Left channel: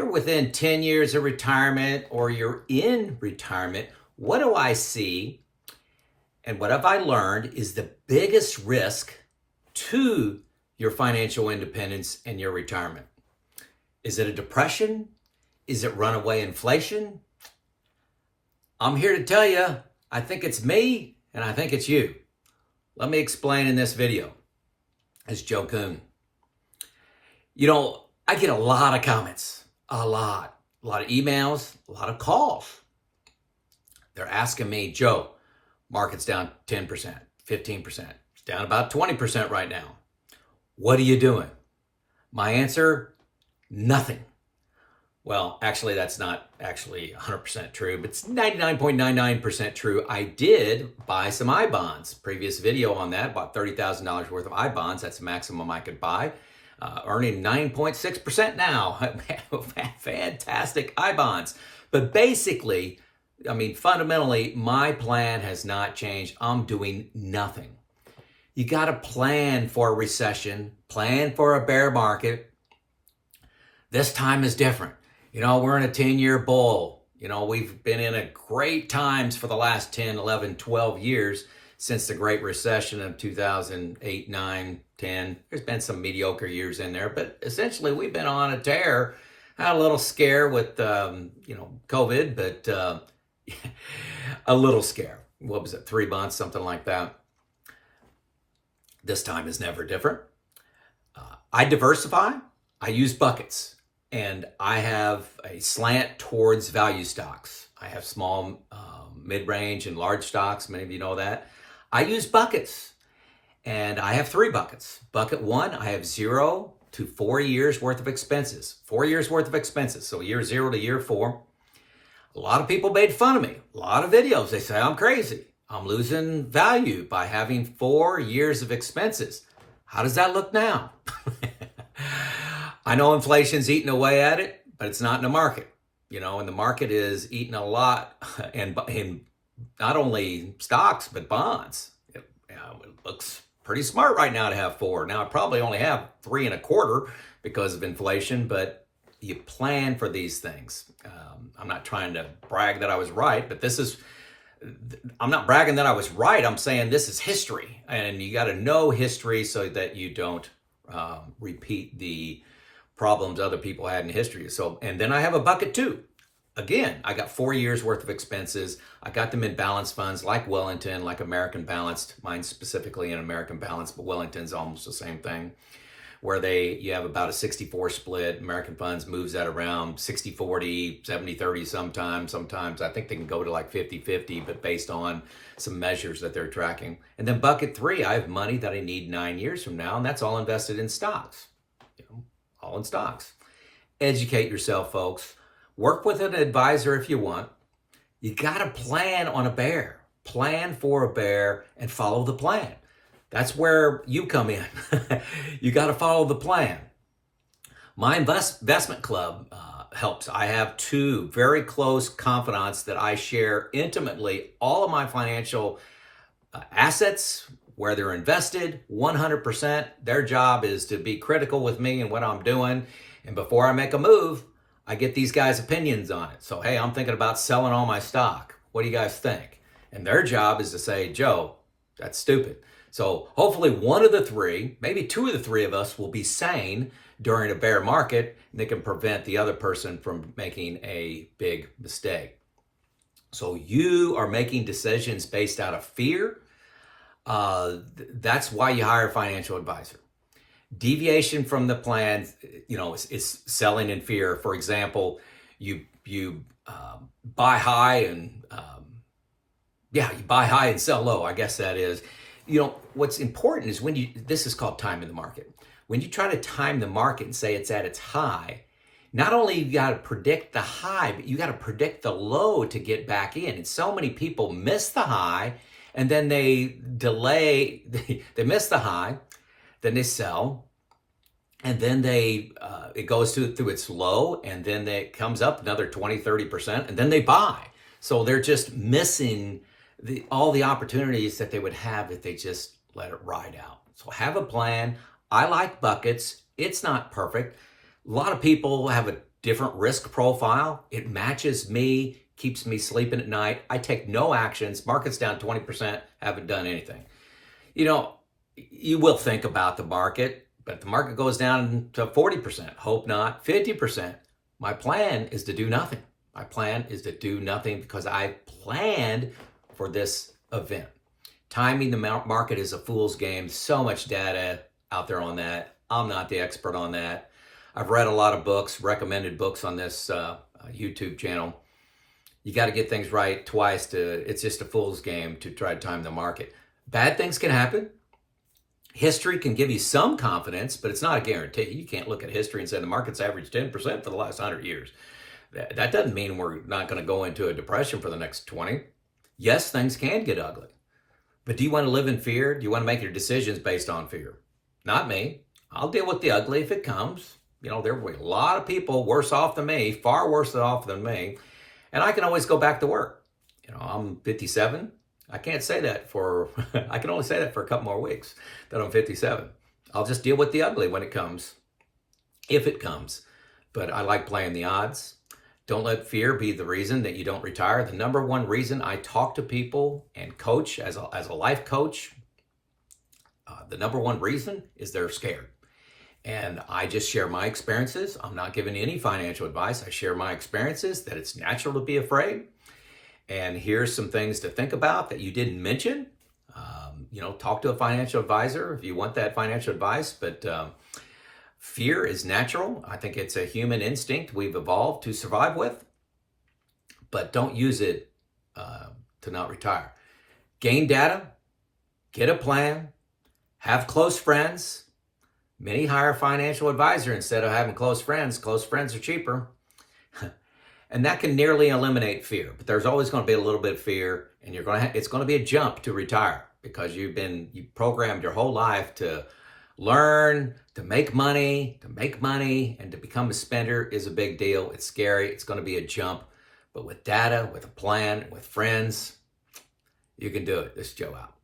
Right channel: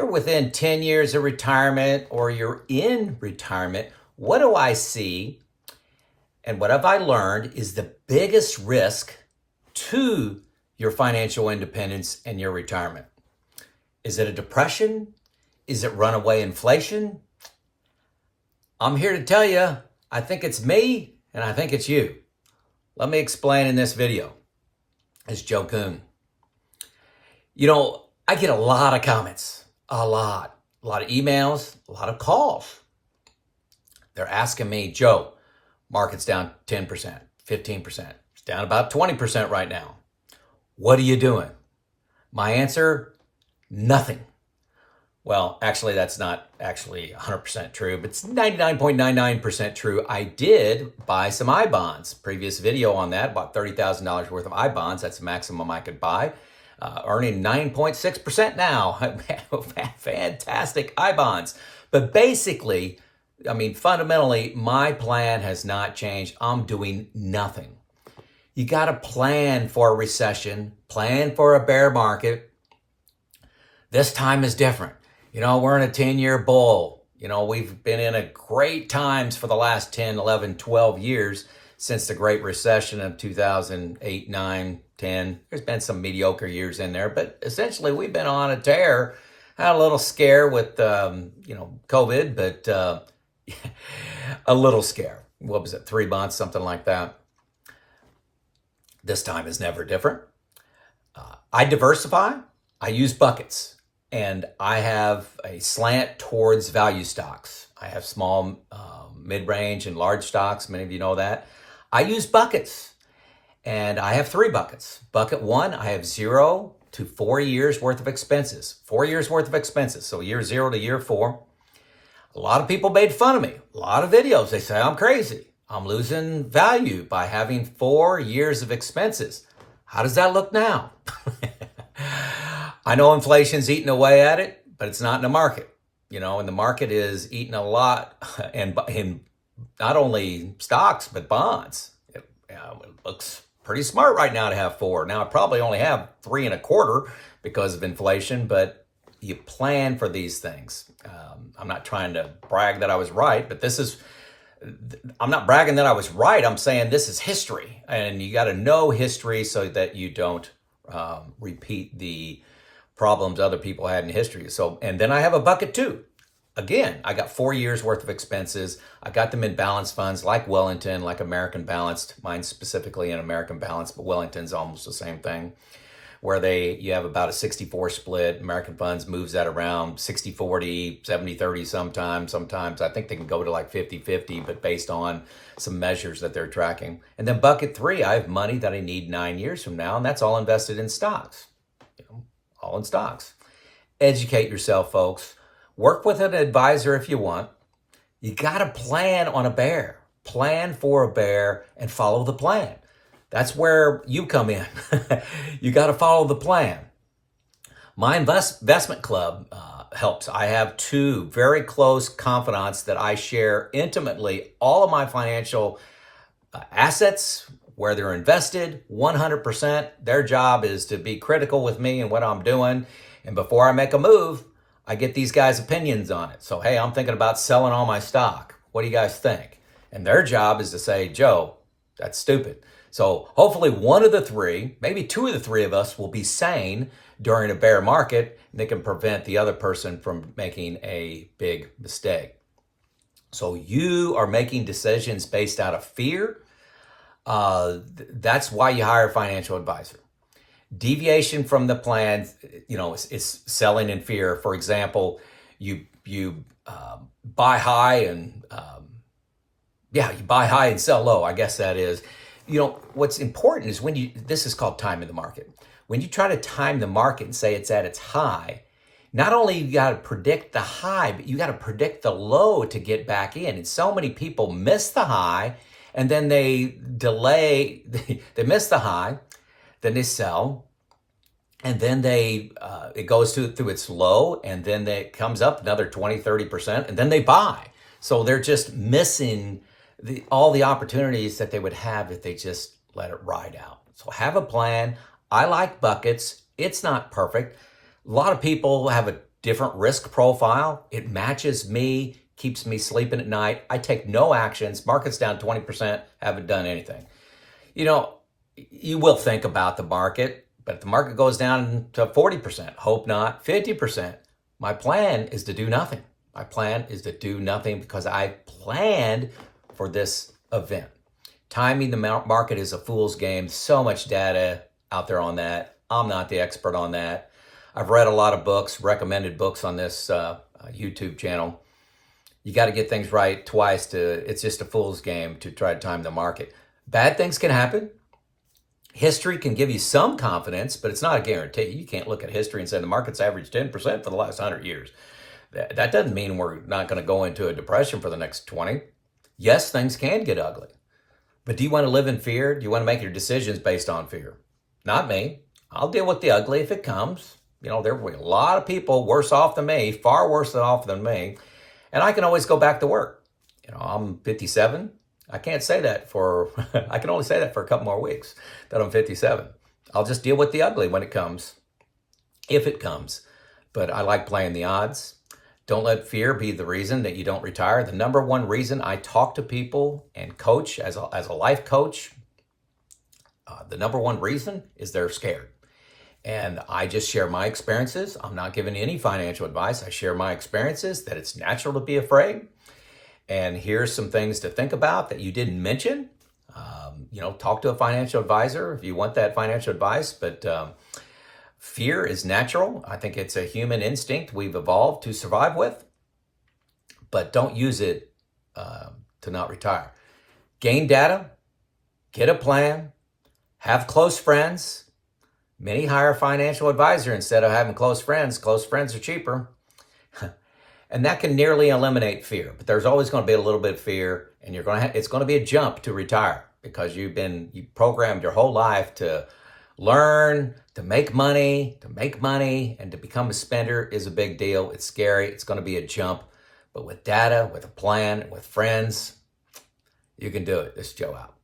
you're within 10 years of retirement or you're in retirement, what do I see and what have I learned is the biggest risk to your financial independence and your retirement? Is it a depression? Is it runaway inflation? I'm here to tell you, I think it's me and I think it's you. Let me explain in this video. It's Joe Kuhn. I get a lot of comments, a lot of emails, a lot of calls. They're asking me, Joe, market's down 10%, 15%. It's down about 20% right now. What are you doing? My answer, nothing. Well, actually, that's not actually 100% true, but it's 99.99% true. I did buy some I-bonds. Previous video on that, bought $30,000 worth of I-bonds. That's the maximum I could buy. Earning 9.6% now. Fantastic I-bonds. But basically, fundamentally, my plan has not changed. I'm doing nothing. You got to plan for a recession, plan for a bear market. This time is different. We're in a 10-year bull. We've been in a great times for the last 10, 11, 12 years since the Great Recession of 2008, 9, 10. There's been some mediocre years in there, but essentially we've been on a tear. Had a little scare with, COVID, but a little scare. What was it, 3 months, something like that. This time is never different. I diversify. I use buckets. And I have a slant towards value stocks. I have small, mid-range, and large stocks. Many of you know that. I use buckets. And I have 3 buckets. Bucket 1, I have 0 to 4 years worth of expenses. 4 years worth of expenses. So year 0 to year 4. A lot of people made fun of me. A lot of videos. They say I'm crazy. I'm losing value by having 4 years of expenses. How does that look now? I know inflation's eating away at it, but it's not in the market. And the market is eating a lot, and in not only stocks, but bonds. It looks pretty smart right now to have 4. Now, I probably only have 3.25 because of inflation, but you plan for these things. I'm not trying to brag that I was right, but I'm not bragging that I was right. I'm saying this is history, and you got to know history so that you don't repeat the problems other people had in history. And then I have a bucket 2. Again, I got 4 years worth of expenses. I got them in balanced funds like Wellington, like American Balanced. Mine specifically in American Balanced, but Wellington's almost the same thing, where you have about a 60-40 split. American Funds moves that around 60-40, 70-30 sometimes. Sometimes I think they can go to like 50-50, but based on some measures that they're tracking. And then bucket 3, I have money that I need 9 years from now, and that's all invested in stocks. All in stocks. Educate yourself, folks. Work with an advisor if you want. You got to plan on a bear. Plan for a bear and follow the plan. That's where you come in. You got to follow the plan. My investment club helps. I have 2 very close confidants that I share intimately all of my financial assets, where they're invested 100%. Their job is to be critical with me and what I'm doing. And before I make a move, I get these guys' opinions on it. So, hey, I'm thinking about selling all my stock. What do you guys think? And their job is to say, Joe, that's stupid. So hopefully one of the 3, maybe 2 of the 3 of us will be sane during a bear market, and they can prevent the other person from making a big mistake. So you are making decisions based out of fear. That's why you hire a financial advisor. Deviation from the plan, is selling in fear. For example, you buy high and you buy high and sell low. I guess that is. What's important is this is called time in the market. When you try to time the market and say it's at its high, not only you got to predict the high, but you got to predict the low to get back in. And so many people miss the high, and then they delay, they miss the high, then they sell, and then it goes through its low, and then it comes up another 20-30%, and then they buy. So they're just missing all the opportunities that they would have if they just let it ride out. So have a plan. I like buckets. It's not perfect. A lot of people have a different risk profile. It matches me, keeps me sleeping at night. I take no actions. Market's down 20%, haven't done anything. You know, you will think about the market, but if the market goes down to 40%, hope not, 50%, my plan is to do nothing. My plan is to do nothing because I planned for this event. Timing the market is a fool's game. So much data out there on that. I'm not the expert on that. I've read a lot of books, recommended books on this YouTube channel. You got to get things right twice it's just a fool's game to try to time the market. Bad things can happen. History can give you some confidence, but it's not a guarantee. You can't look at history and say the market's averaged 10% for the last 100 years. That doesn't mean we're not going to go into a depression for the next 20. Yes, things can get ugly. But do you want to live in fear? Do you want to make your decisions based on fear? Not me. I'll deal with the ugly if it comes. You know, there will be a lot of people worse off than me, far worse off than me. And I can always go back to work. You know, I'm 57. I can't say that I can only say that for a couple more weeks that I'm 57. I'll just deal with the ugly when it comes, if it comes. But I like playing the odds. Don't let fear be the reason that you don't retire. The number one reason I talk to people and coach as a life coach, the number one reason is they're scared. And I just share my experiences. I'm not giving any financial advice. I share my experiences, that it's natural to be afraid. And here's some things to think about that you didn't mention. You know, talk to a financial advisor if you want that financial advice. But fear is natural. I think it's a human instinct we've evolved to survive with. But don't use it to not retire. Gain data, get a plan, have close friends. Many hire a financial advisor instead of having close friends. Close friends are cheaper. And that can nearly eliminate fear. But there's always going to be a little bit of fear, and it's going to be a jump to retire because you programmed your whole life to learn, to make money, and to become a spender is a big deal. It's scary. It's going to be a jump. But with data, with a plan, with friends, you can do it. This is Joe out.